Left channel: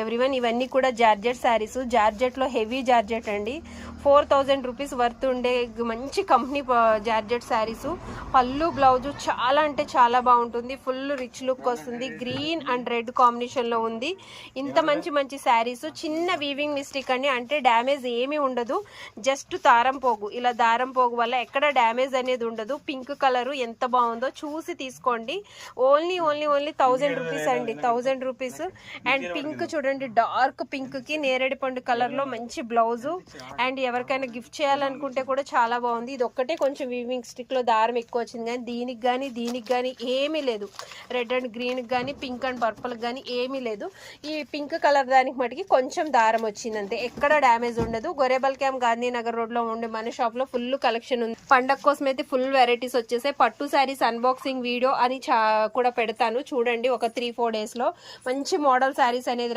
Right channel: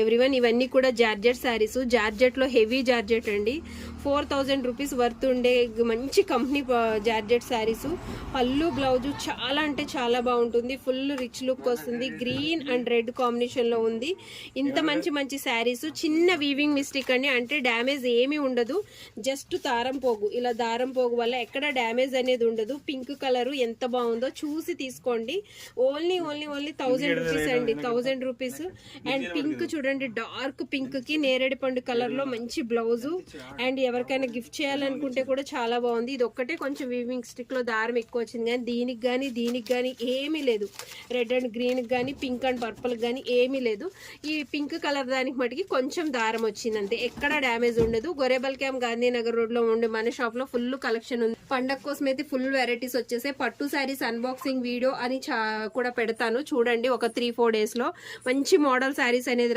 Everyone, ఇవన్నీ కూడా georgette saris. Georgette లో హెవీ జార్జెట్ అండి. 4000 రూపీస్ వర్త్ ఉండే మంచి కంపెనీ జార్జెట్ శారీస్. పళ్ళు బ్లౌజ్ చాలా అంటే చాలా బాగుంటుంది. ఫుల్ రిచ్ లుక్ వస్తుంది. గ్రీన్ అండ్ రెడ్ కాంబినేషన్ లో ఉంది. ఇంత మంచి మంచి శారీస్. చిన్న వీవింగ్ మిస్టేక్ అండి, అంటే డ్యామేజ్ ఏమీ ఉండదు. జస్ట్ దారం పోగు, ఇలా దారం పోగు వల్ల ఎక్కడ డ్యామేజ్ అనేది ఉండదు. పింక్ కలర్ ఎంత బాగుందో చూసి తీసుకోండి. ఓన్లీ 1000 రూపీస్ అండి, 1000 రూపీస్. అండ్ పింక్ చూడండి, డార్క్ పింక్ కి నేరేడు పండు కలర్ లో మంచి బ్లౌజ్. అండ్ ఎవరికైనా గిఫ్ట్ చేయాలనుకుంటే కూడా చాలా బాగుంది. ఇది ఒక్కటే కొంచెం వీవింగ్ స్టిక్ లో దారం ఎక్కువ వచ్చింది, కానీ దీనికి కానీ ఏమీ లేదు. రెడ్ అండ్ గ్రీన్ కానీ పింక్ అండ్ పర్పుల్ కానీ ఏమీ లేదు. ఈ పింక్ కలర్ దానికి మటుకి కొంచెం దారం వచ్చింది అంతే, ఎక్కడ డ్యామేజ్ ఉండదు. గొరేబల్ క్యాంప్ గాంధీనగర్ రోడ్ లో ఉండే మన షాప్ లో ఫుల్ కలెక్షన్ ఉంది. పండగ కోసం అయితే ఫుల్ వెరైటీస్ వచ్చేసాయి. పట్టు శారీస్ అన్బాక్సింగ్ వీడియో అని కూడా పెడతాను చూడండి, ఒక 3-4 డేస్ లో మంచి మోడల్ శారీస్ అనేది